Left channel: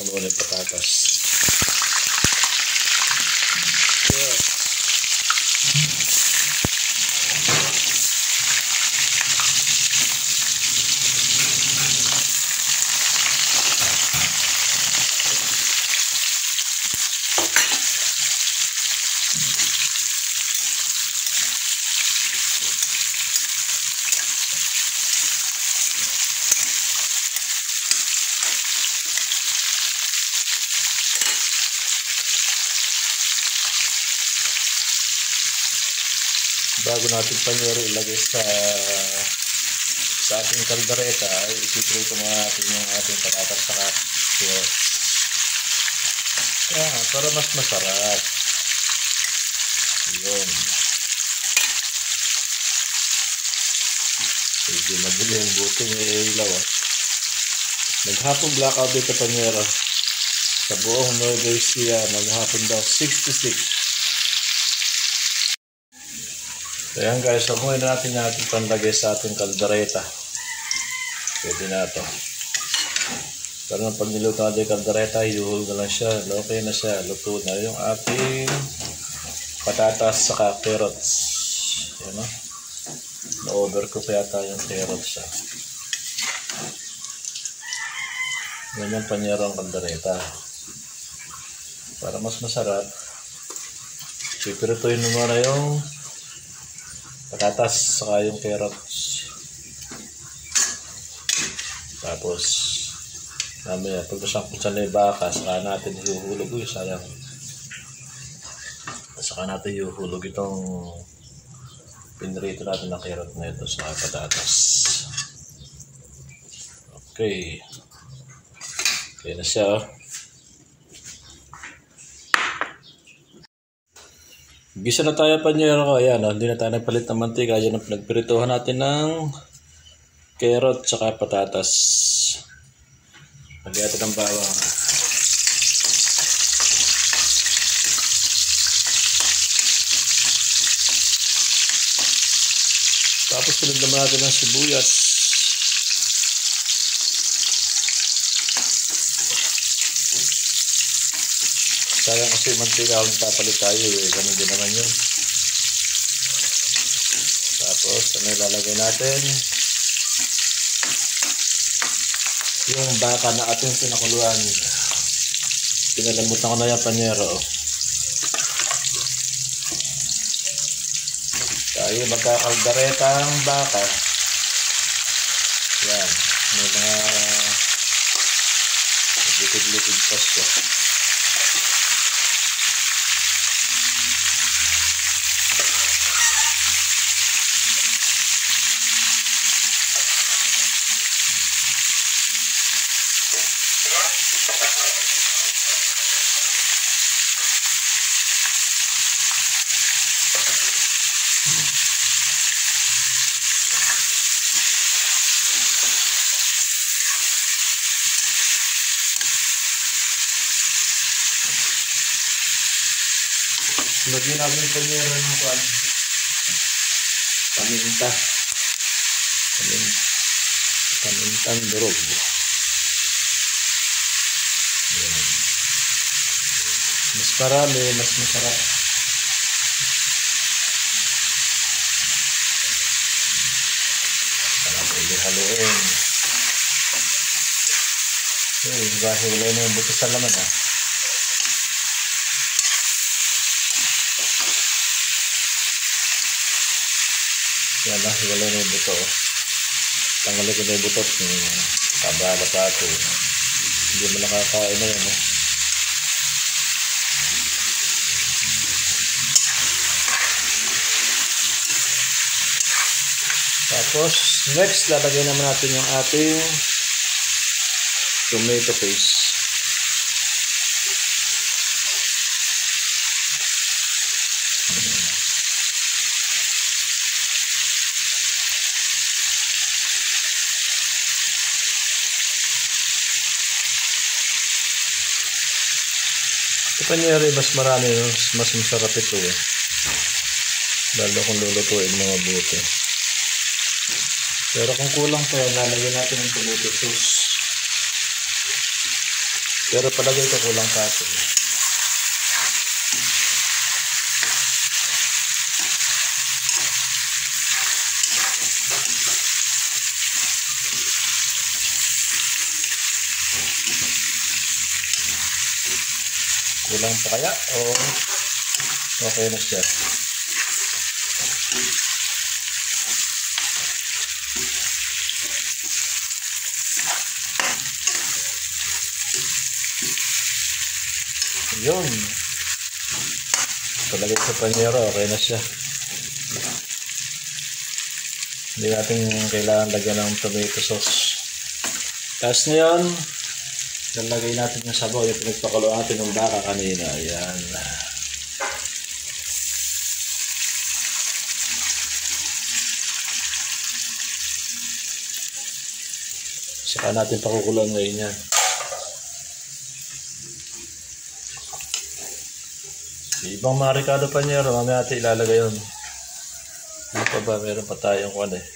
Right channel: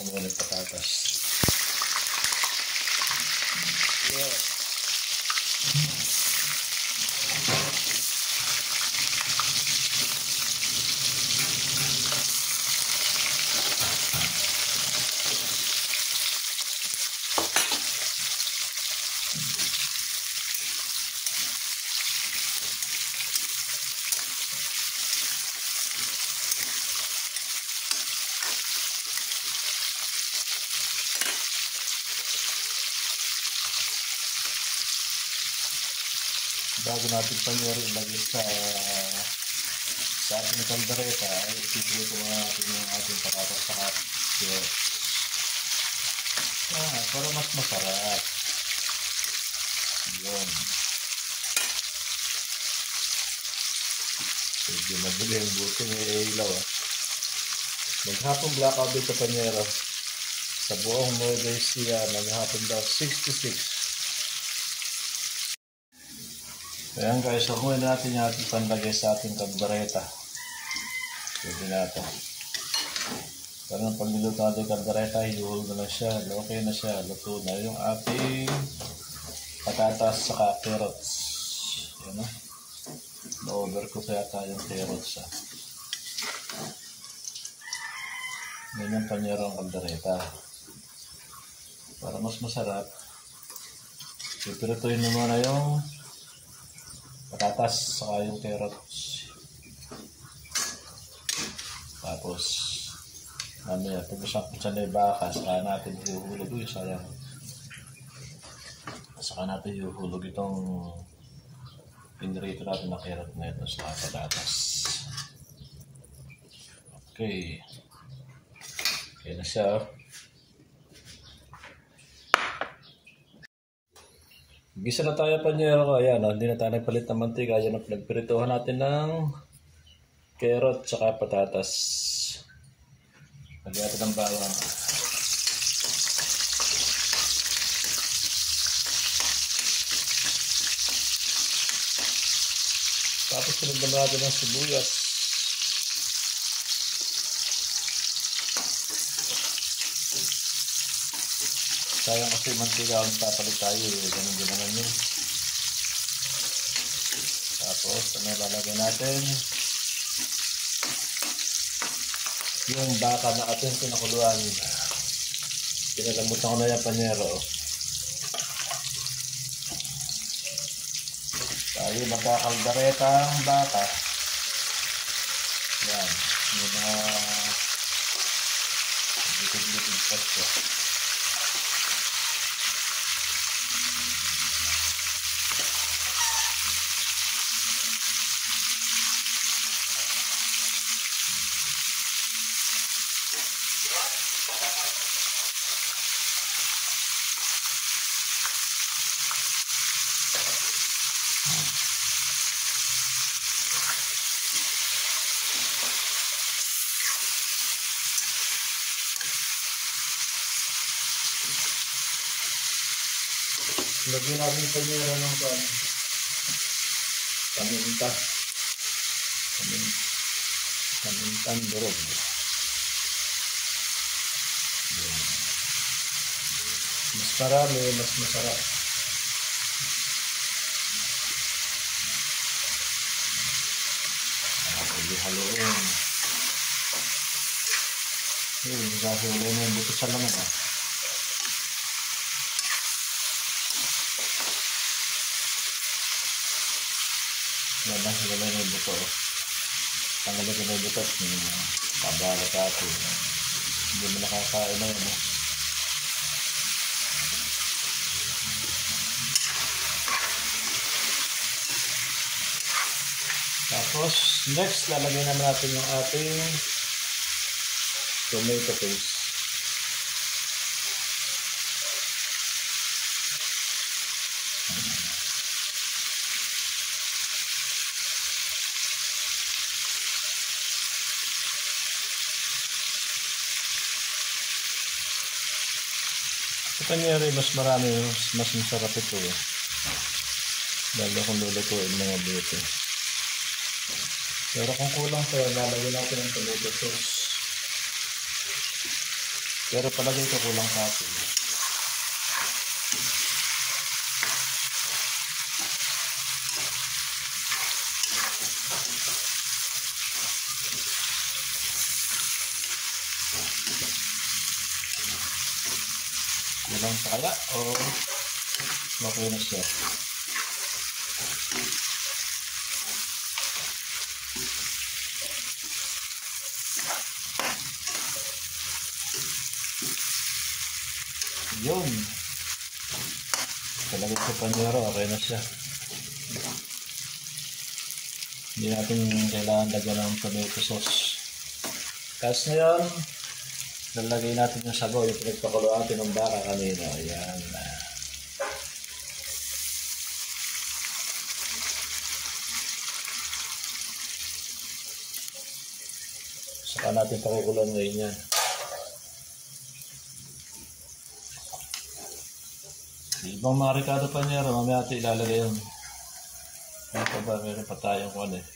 ko muna yung patatas. Yeah. Bago natin panyero ilagay sa ating kaldereta, ay ipiprito mo natin yung ating patatas sa carrots. Para mas masarap. Yun. Sige, madali yung buto ng ilaw. Maghapong blackout dito panyero. Sa buong Nueva Ecija, maghapon daw 66. Ayan guys, sabuhin natin yung ating panlagay sa ating kaldereta. Pwede na ito. Pero nang pag niluto natin yung kaldereta, iuhul na lang siya. Okay na siya. Luto na yung ating patatas saka carrots. Ayan o. Na-overcook yata yung carrots siya. Yan yung panyero ang kaldereta. Para mas masarap, pipirituin mo muna yung patatas saka yung carrots. Tapos mamaya pag nasangkot na yung baka, saka natin ihuhulog. Uy, sayang. Saka natin ihuhulog itong pinrito natin na carrot na ito sa patatas. Okay. Okay na siya. Gisa na tayo panyero ko. Ayan, hindi na tayo nagpalit ng mantika. Ayan ang pinagpirituhan natin ng carrot saka patatas. Lagyan natin ng bawang. Tapos pinagdaman natin ng sibuyas. Sayang kasi mantika kung tapalit tayo ganun din naman yun. Tapos ano ilalagay natin? Yung baka na ating pinakuluan. Pinalamutan ko na yung panyero. Tayo magkakaldereta ang baka. Yan. May mga likid-likid pa siya. Lagyan natin yung panyero ng paminta. Pamintang durog. Ayan. Mas marami, mas masarap. Haluin. Kasi wala na yung buto sa laman. Yan na, wala na yung buto. Tanggalin ko na yung buto. Kabala pa ito. Hindi mo nakakain na yan. Tapos, next, lalagyan naman natin yung ating tomato paste. Panyeri, mas marami, mas masarap ito lalo kung lulutuin mga buti. Pero kung kulang pa yan, lalagyan natin ng tomato sauce. Pero palagay ko kulang kato. Kulang pa kaya o okay na siya? Yun. Palagay sa panyero, okay na siya. Hindi natin kailangan lagyan ng tomato sauce. Tapos ngayon, lalagay natin yung sabaw, yung pinagpakulo natin ng baka kanina. Ayan. Saka natin pakukulan ngayon yan. Ibang mga Ricardo Panyero, mamaya natin ilalagay yun. Ano pa ba? Meron pa tayong kung ano eh.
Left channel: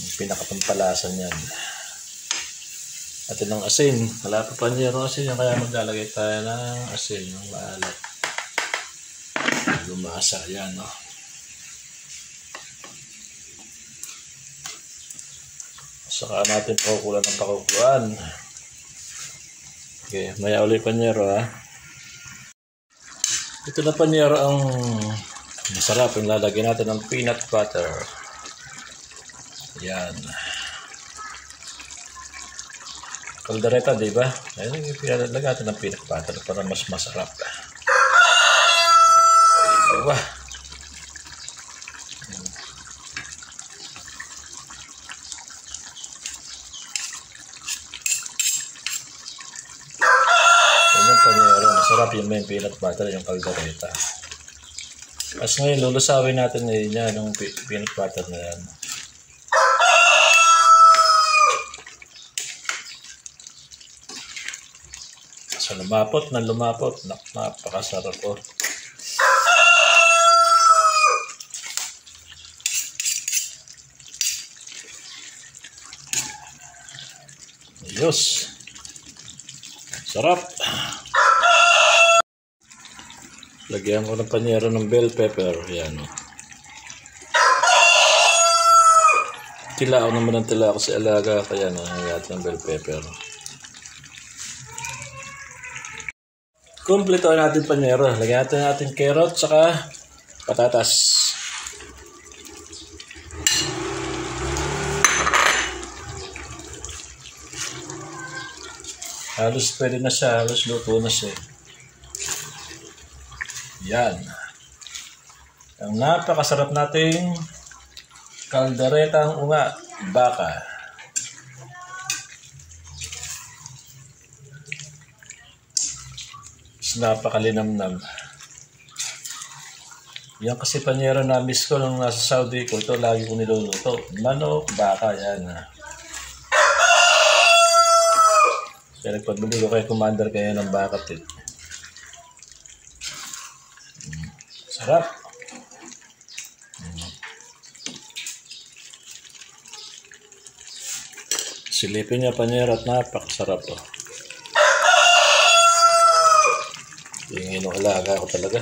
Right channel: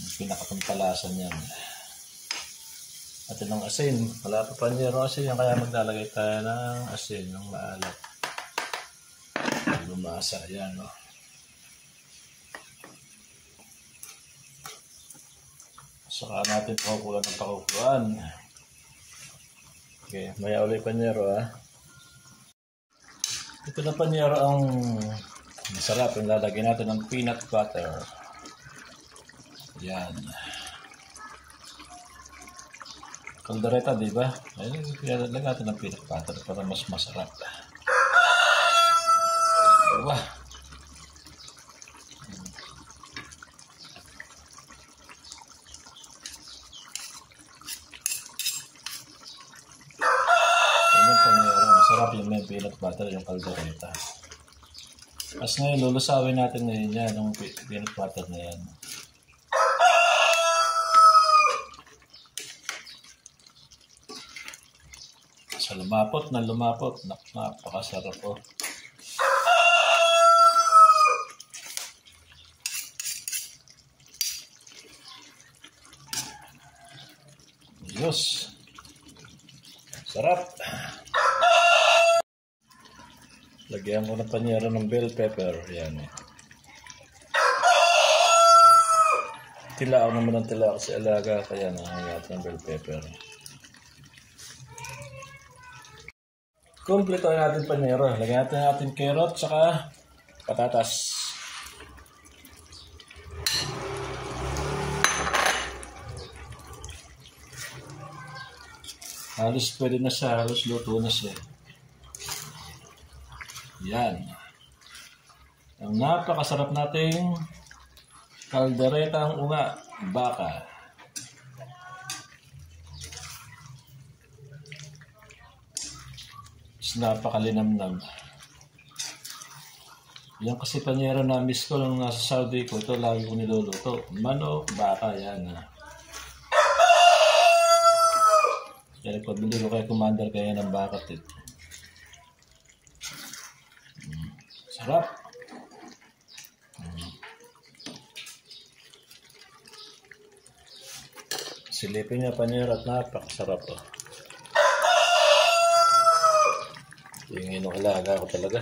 Yung pinakapampalasan yan. Atin ng asin. Wala pa Panyero asin yan, kaya maglalagay tayo ng asin, yung maalat. Lumasa yan, no? Saka natin pakukulan ng pakukulan. Okay, maya ulit Panyero ha. Ito na Panyero ang masarap. Yung lalagyan natin ng peanut butter. Yan. Kaldereta, diba? Ayun yung pinalagyan natin ng peanut butter para mas masarap. Diba? Masarap yung may peanut butter, yung kaldereta. Tapos ngayon, lulusawin natin ngayon yan, yung peanut butter na yan. So, lumapot na lumapot. Napakasarap oh. Ayos. Sarap. Lagyan ko ng Panyero ng bell pepper. Yan. Tilao naman ang tilao kasi alaga. Kaya nangyayat ng bell pepper. Kumpleto natin Panyero. Lagyan natin carrot saka patatas. Halos pwede na siya. Halos luto na siya. Yan. Ang napakasarap nating kalderetang unga baka. Napakalinamnam. Yan kasi Panyero na miss ko nung nasa Saudi ko. Ito lagi ko niluluto. Manok, baka yan. Kaya nagpabili ko kay Commander kaya ng baka tit. Sarap. Silipin niya Panyero at napakasarap oh. Yung inualaga ko talaga.